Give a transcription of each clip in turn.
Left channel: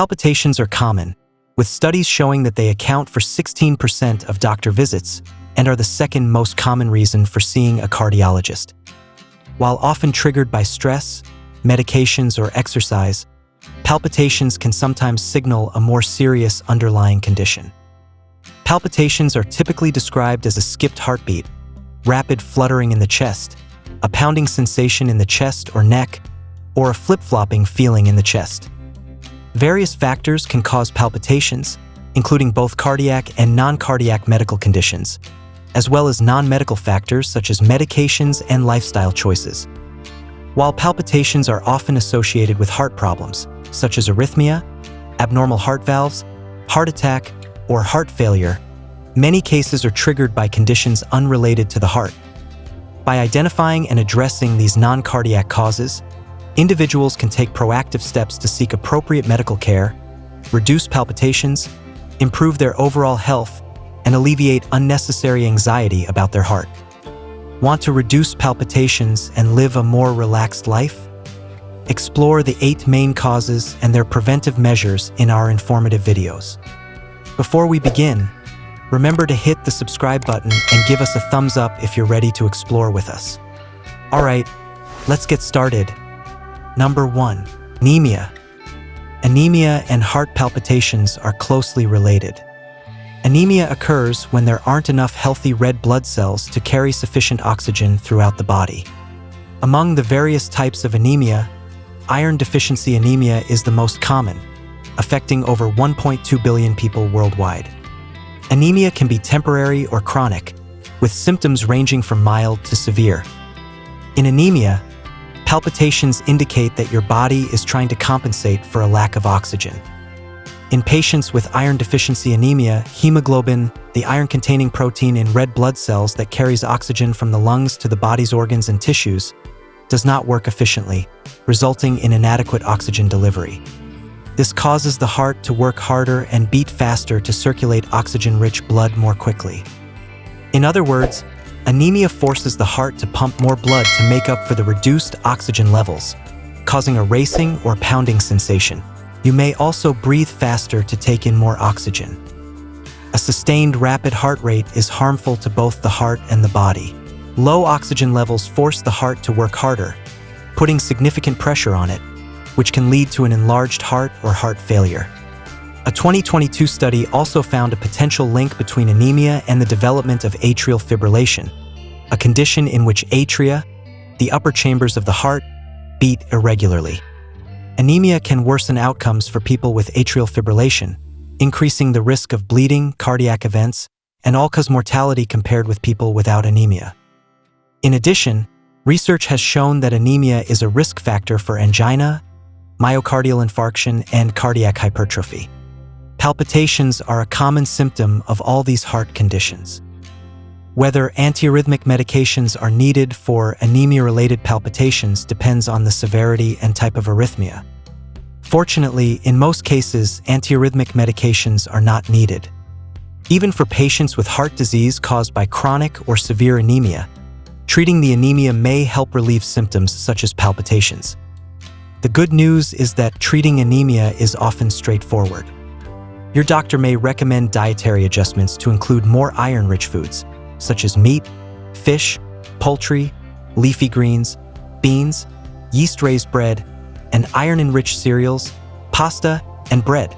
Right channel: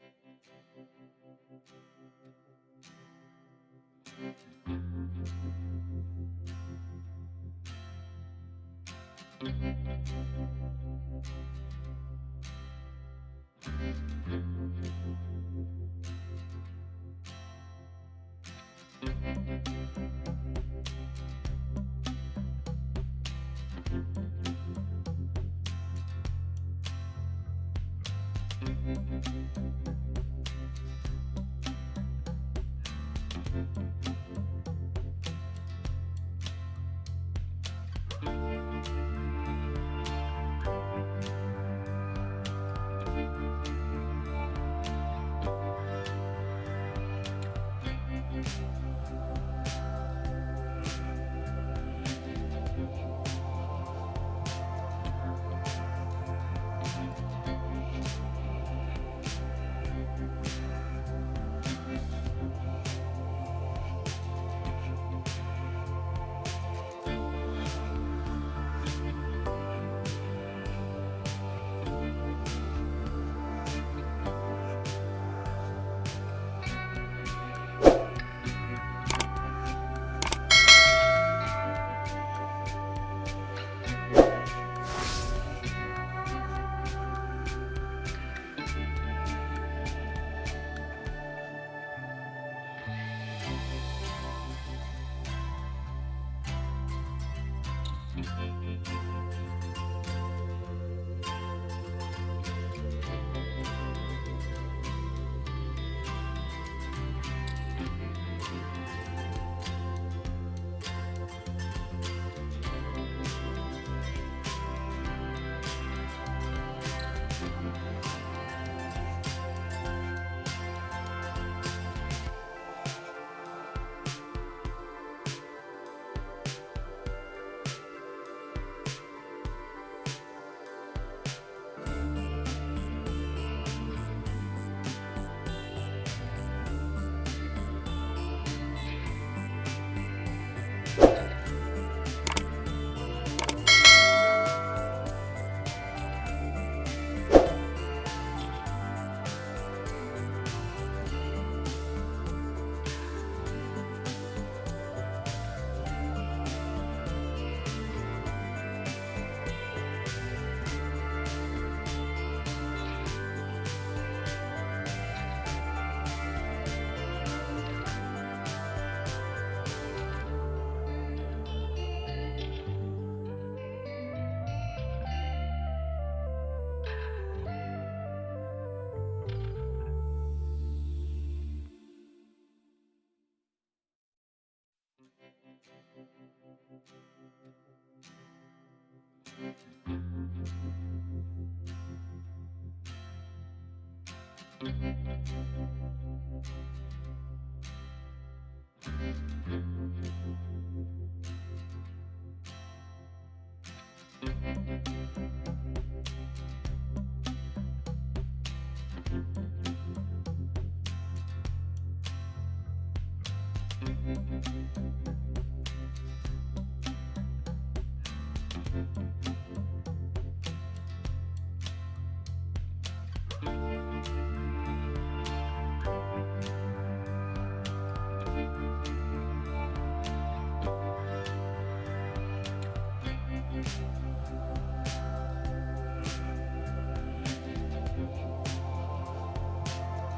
Palpitations are common, with studies showing that they account for 16% of doctor visits and are the second most common reason for seeing a cardiologist. While often triggered by stress, medications, or exercise, palpitations can sometimes signal a more serious underlying condition. Palpitations are typically described as a skipped heartbeat, rapid fluttering in the chest, a pounding sensation in the chest or neck, or a flip-flopping feeling in the chest. Various factors can cause palpitations, including both cardiac and non-cardiac medical conditions, as well as non-medical factors such as medications and lifestyle choices. While palpitations are often associated with heart problems, such as arrhythmia, abnormal heart valves, heart attack, or heart failure, many cases are triggered by conditions unrelated to the heart. By identifying and addressing these non-cardiac causes, individuals can take proactive steps to seek appropriate medical care, reduce palpitations, improve their overall health, and alleviate unnecessary anxiety about their heart. Want to reduce palpitations and live a more relaxed life? Explore the 8 main causes and their preventive measures in our informative videos. Before we begin, remember to hit the subscribe button and give us a thumbs up if you're ready to explore with us. Alright, let's get started. Number 1. Anemia. Anemia and heart palpitations are closely related. Anemia occurs when there aren't enough healthy red blood cells to carry sufficient oxygen throughout the body. Among the various types of anemia, iron deficiency anemia is the most common, affecting over 1.2 billion people worldwide. Anemia can be temporary or chronic, with symptoms ranging from mild to severe. In anemia, palpitations indicate that your body is trying to compensate for a lack of oxygen. In patients with iron deficiency anemia, hemoglobin, the iron-containing protein in red blood cells that carries oxygen from the lungs to the body's organs and tissues, does not work efficiently, resulting in inadequate oxygen delivery. This causes the heart to work harder and beat faster to circulate oxygen-rich blood more quickly. In other words, anemia forces the heart to pump more blood to make up for the reduced oxygen levels, causing a racing or pounding sensation. You may also breathe faster to take in more oxygen. A sustained rapid heart rate is harmful to both the heart and the body. Low oxygen levels force the heart to work harder, putting significant pressure on it, which can lead to an enlarged heart or heart failure. A 2022 study also found a potential link between anemia and the development of atrial fibrillation, a condition in which atria, the upper chambers of the heart, beat irregularly. Anemia can worsen outcomes for people with atrial fibrillation, increasing the risk of bleeding, cardiac events, and all-cause mortality compared with people without anemia. In addition, research has shown that anemia is a risk factor for angina, myocardial infarction, and cardiac hypertrophy. Palpitations are a common symptom of all these heart conditions. Whether antiarrhythmic medications are needed for anemia-related palpitations depends on the severity and type of arrhythmia. Fortunately, in most cases, antiarrhythmic medications are not needed. Even for patients with heart disease caused by chronic or severe anemia, treating the anemia may help relieve symptoms such as palpitations. The good news is that treating anemia is often straightforward. Your doctor may recommend dietary adjustments to include more iron-rich foods, such as meat, fish, poultry, leafy greens, beans, yeast-raised bread, and iron-enriched cereals, pasta, and bread.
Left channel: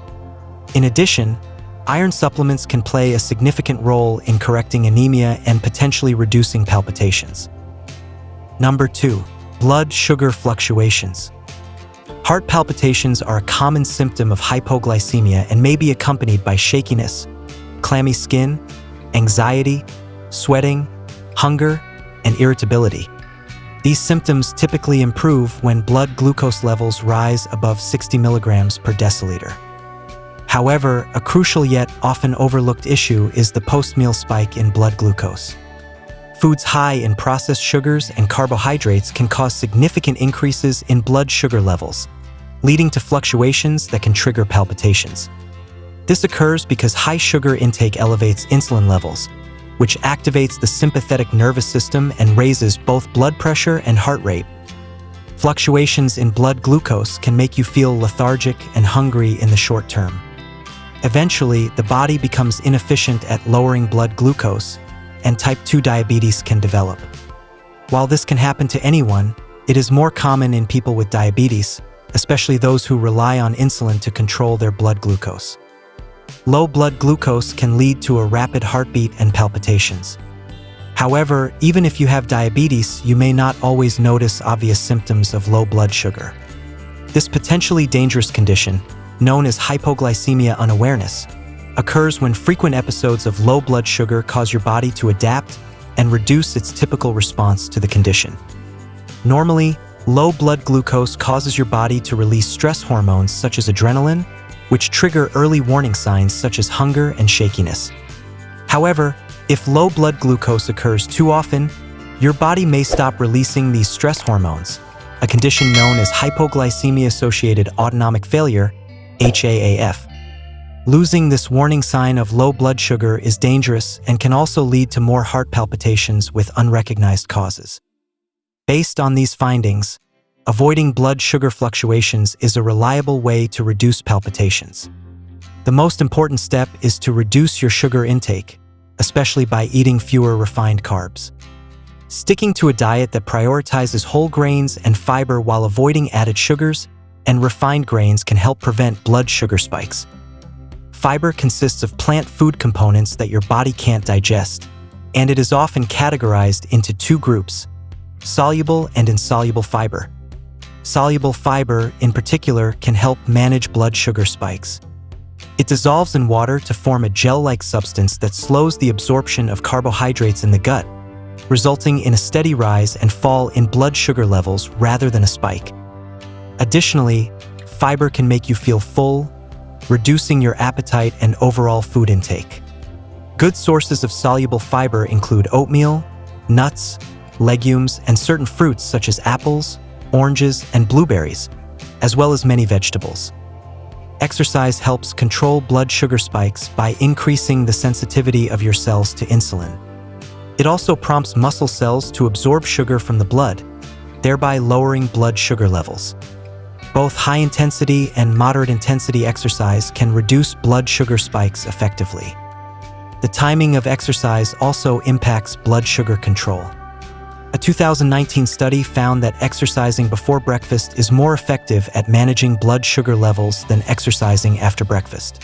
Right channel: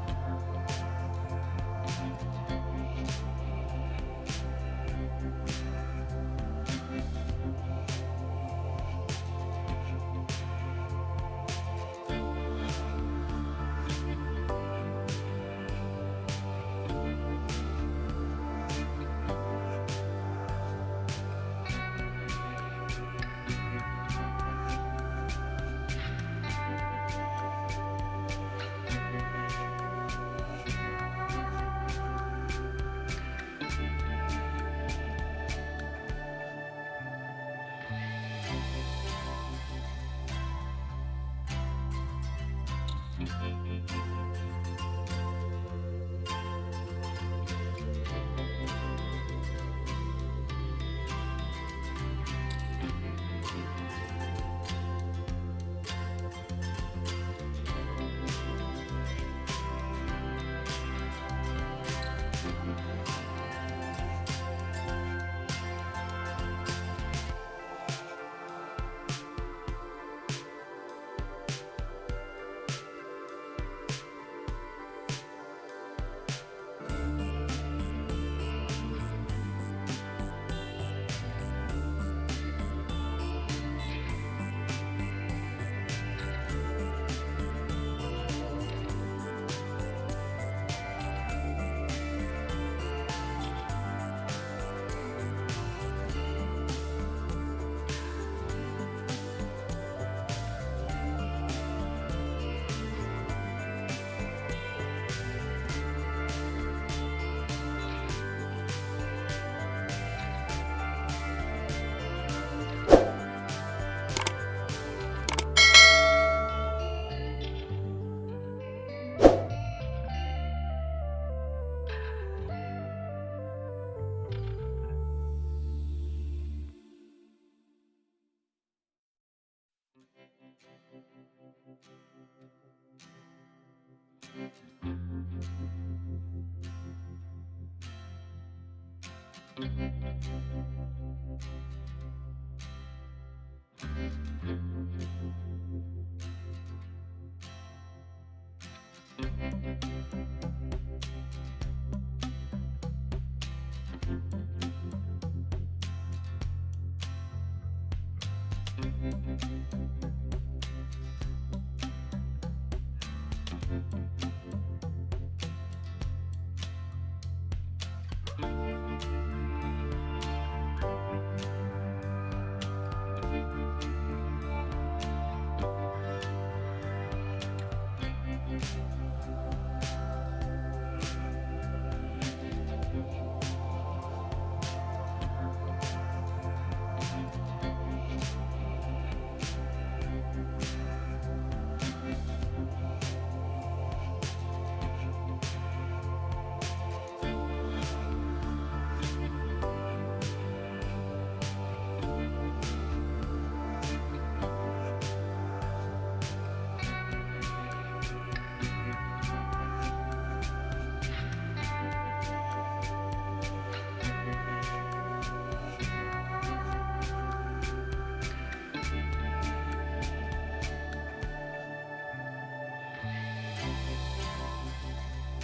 In addition, iron supplements can play a significant role in correcting anemia and potentially reducing palpitations. Number 2. Blood sugar fluctuations. Heart palpitations are a common symptom of hypoglycemia and may be accompanied by shakiness, clammy skin, anxiety, sweating, hunger, and irritability. These symptoms typically improve when blood glucose levels rise above 60 milligrams per deciliter. However, a crucial yet often overlooked issue is the post-meal spike in blood glucose. Foods high in processed sugars and carbohydrates can cause significant increases in blood sugar levels, leading to fluctuations that can trigger palpitations. This occurs because high sugar intake elevates insulin levels, which activates the sympathetic nervous system and raises both blood pressure and heart rate. Fluctuations in blood glucose can make you feel lethargic and hungry in the short term. Eventually, the body becomes inefficient at lowering blood glucose, and type 2 diabetes can develop. While this can happen to anyone, it is more common in people with diabetes, especially those who rely on insulin to control their blood glucose. Low blood glucose can lead to a rapid heartbeat and palpitations. However, even if you have diabetes, you may not always notice obvious symptoms of low blood sugar. This potentially dangerous condition, known as hypoglycemia unawareness, occurs when frequent episodes of low blood sugar cause your body to adapt and reduce its typical response to the condition. Normally, low blood glucose causes your body to release stress hormones such as adrenaline, which trigger early warning signs such as hunger and shakiness. However, if low blood glucose occurs too often, your body may stop releasing these stress hormones, a condition known as hypoglycemia-associated autonomic failure, HAAF. Losing this warning sign of low blood sugar is dangerous and can also lead to more heart palpitations with unrecognized causes. Based on these findings, avoiding blood sugar fluctuations is a reliable way to reduce palpitations. The most important step is to reduce your sugar intake, especially by eating fewer refined carbs. Sticking to a diet that prioritizes whole grains and fiber while avoiding added sugars and refined grains can help prevent blood sugar spikes. Fiber consists of plant food components that your body can't digest, and it is often categorized into two groups: soluble and insoluble fiber. Soluble fiber, in particular, can help manage blood sugar spikes. It dissolves in water to form a gel-like substance that slows the absorption of carbohydrates in the gut, resulting in a steady rise and fall in blood sugar levels rather than a spike. Additionally, fiber can make you feel full, reducing your appetite and overall food intake. Good sources of soluble fiber include oatmeal, nuts, legumes, and certain fruits such as apples, oranges, and blueberries, as well as many vegetables. Exercise helps control blood sugar spikes by increasing the sensitivity of your cells to insulin. It also prompts muscle cells to absorb sugar from the blood, thereby lowering blood sugar levels. Both high-intensity and moderate-intensity exercise can reduce blood sugar spikes effectively. The timing of exercise also impacts blood sugar control. A 2019 study found that exercising before breakfast is more effective at managing blood sugar levels than exercising after breakfast.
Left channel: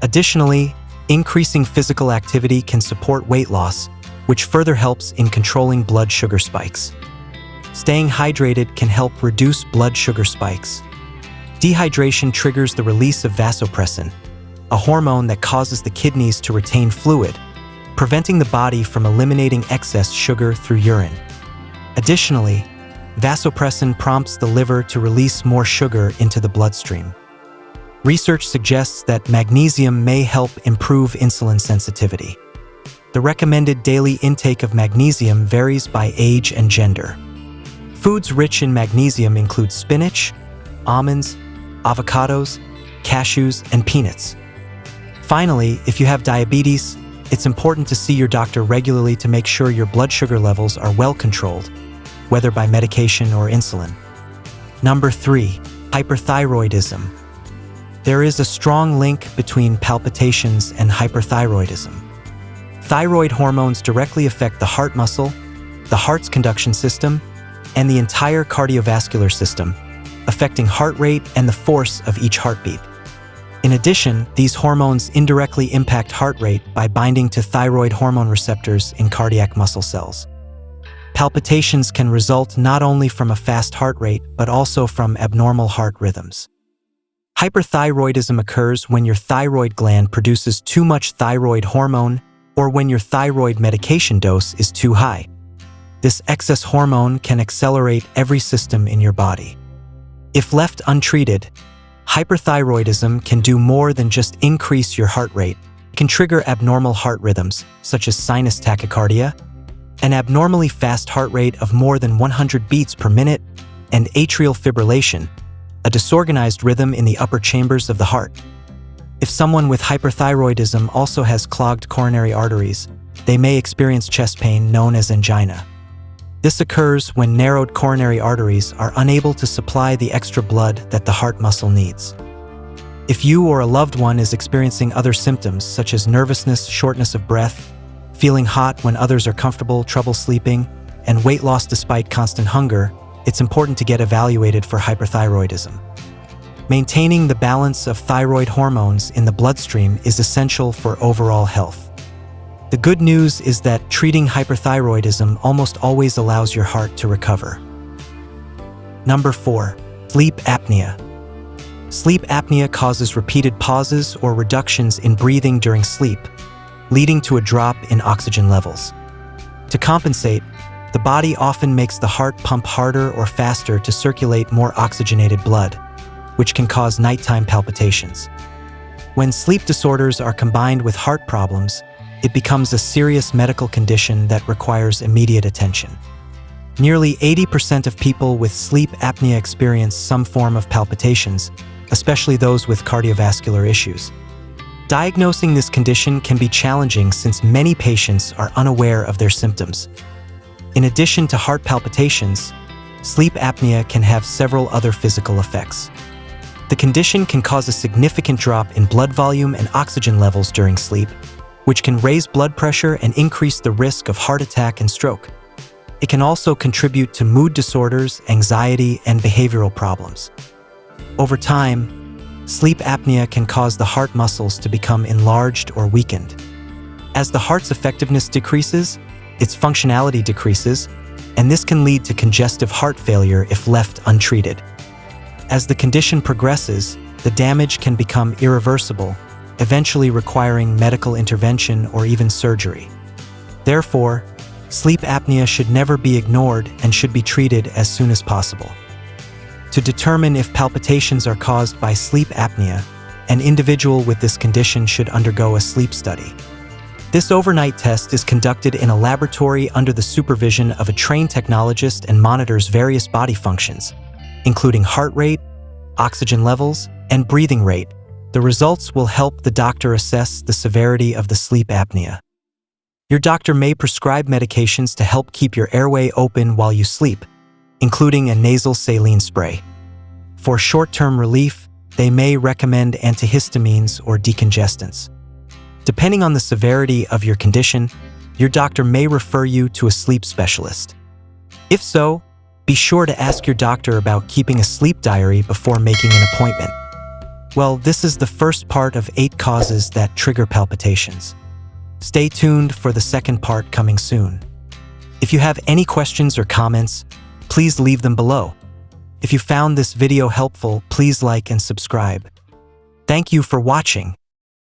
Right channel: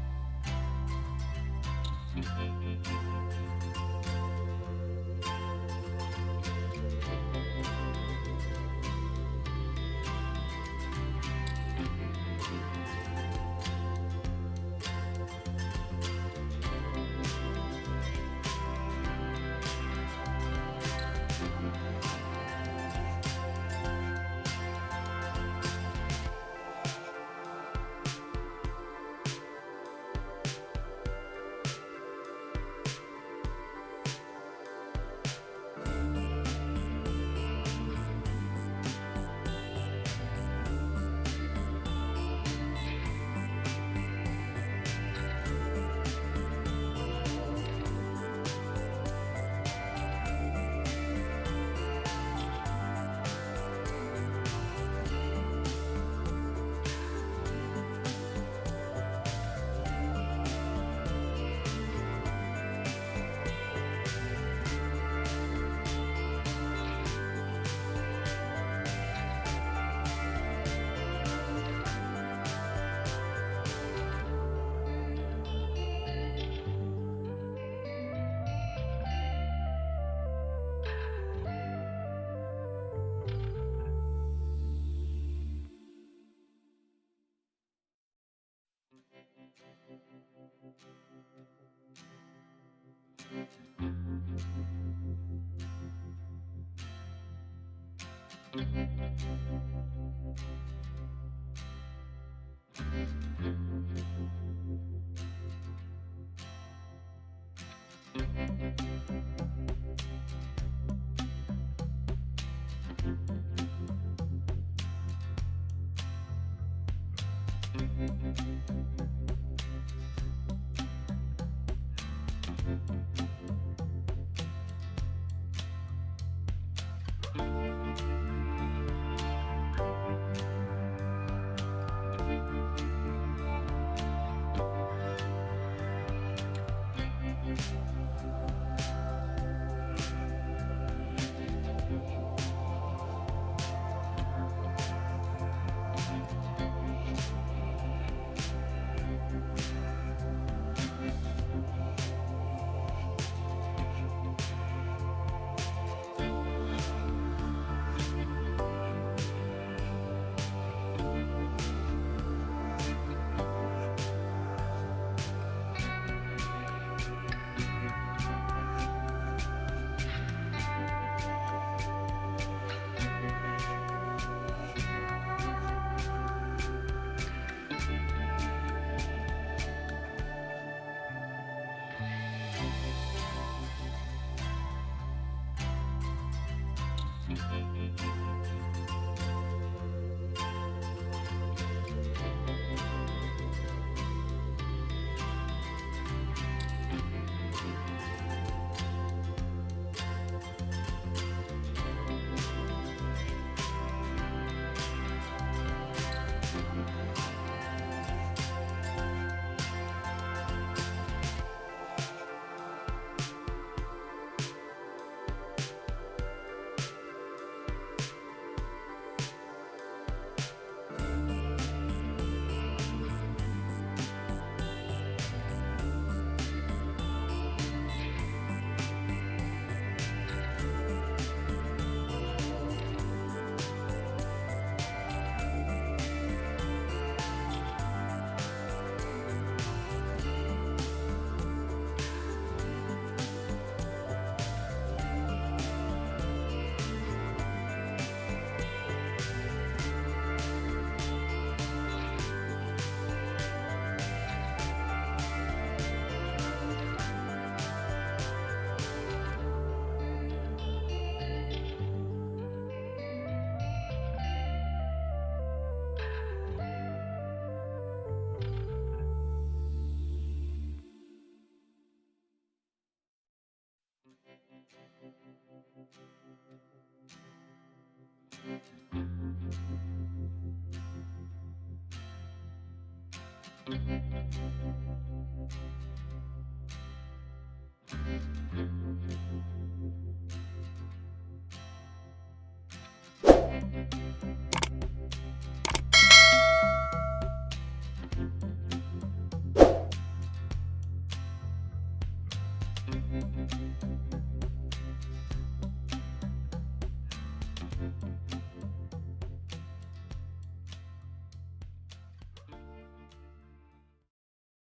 Additionally, increasing physical activity can support weight loss, which further helps in controlling blood sugar spikes. Staying hydrated can help reduce blood sugar spikes. Dehydration triggers the release of vasopressin, a hormone that causes the kidneys to retain fluid, preventing the body from eliminating excess sugar through urine. Additionally, vasopressin prompts the liver to release more sugar into the bloodstream. Research suggests that magnesium may help improve insulin sensitivity. The recommended daily intake of magnesium varies by age and gender. Foods rich in magnesium include spinach, almonds, avocados, cashews, and peanuts. Finally, if you have diabetes, it's important to see your doctor regularly to make sure your blood sugar levels are well controlled, whether by medication or insulin. Number 3, hyperthyroidism. There is a strong link between palpitations and hyperthyroidism. Thyroid hormones directly affect the heart muscle, the heart's conduction system, and the entire cardiovascular system, affecting heart rate and the force of each heartbeat. In addition, these hormones indirectly impact heart rate by binding to thyroid hormone receptors in cardiac muscle cells. Palpitations can result not only from a fast heart rate, but also from abnormal heart rhythms. Hyperthyroidism occurs when your thyroid gland produces too much thyroid hormone or when your thyroid medication dose is too high. This excess hormone can accelerate every system in your body. If left untreated, hyperthyroidism can do more than just increase your heart rate. It can trigger abnormal heart rhythms, such as sinus tachycardia, an abnormally fast heart rate of more than 100 beats per minute, and atrial fibrillation, a disorganized rhythm in the upper chambers of the heart. If someone with hyperthyroidism also has clogged coronary arteries, they may experience chest pain known as angina. This occurs when narrowed coronary arteries are unable to supply the extra blood that the heart muscle needs. If you or a loved one is experiencing other symptoms such as nervousness, shortness of breath, feeling hot when others are comfortable, trouble sleeping, and weight loss despite constant hunger, it's important to get evaluated for hyperthyroidism. Maintaining the balance of thyroid hormones in the bloodstream is essential for overall health. The good news is that treating hyperthyroidism almost always allows your heart to recover. Number 4. Sleep apnea. Sleep apnea causes repeated pauses or reductions in breathing during sleep, leading to a drop in oxygen levels. To compensate, the body often makes the heart pump harder or faster to circulate more oxygenated blood, which can cause nighttime palpitations. When sleep disorders are combined with heart problems, it becomes a serious medical condition that requires immediate attention. Nearly 80% of people with sleep apnea experience some form of palpitations, especially those with cardiovascular issues. Diagnosing this condition can be challenging since many patients are unaware of their symptoms. In addition to heart palpitations, sleep apnea can have several other physical effects. The condition can cause a significant drop in blood volume and oxygen levels during sleep, which can raise blood pressure and increase the risk of heart attack and stroke. It can also contribute to mood disorders, anxiety, and behavioral problems. Over time, sleep apnea can cause the heart muscles to become enlarged or weakened. As the heart's effectiveness decreases, its functionality decreases, and this can lead to congestive heart failure if left untreated. As the condition progresses, the damage can become irreversible, eventually requiring medical intervention or even surgery. Therefore, sleep apnea should never be ignored and should be treated as soon as possible. To determine if palpitations are caused by sleep apnea, an individual with this condition should undergo a sleep study. This overnight test is conducted in a laboratory under the supervision of a trained technologist and monitors various body functions, including heart rate, oxygen levels, and breathing rate. The results will help the doctor assess the severity of the sleep apnea. Your doctor may prescribe medications to help keep your airway open while you sleep, including a nasal saline spray. For short-term relief, they may recommend antihistamines or decongestants. Depending on the severity of your condition, your doctor may refer you to a sleep specialist. If so, be sure to ask your doctor about keeping a sleep diary before making an appointment. Well, this is the first part of 8 causes that trigger palpitations. Stay tuned for the second part coming soon. If you have any questions or comments, please leave them below. If you found this video helpful, please like and subscribe. Thank you for watching.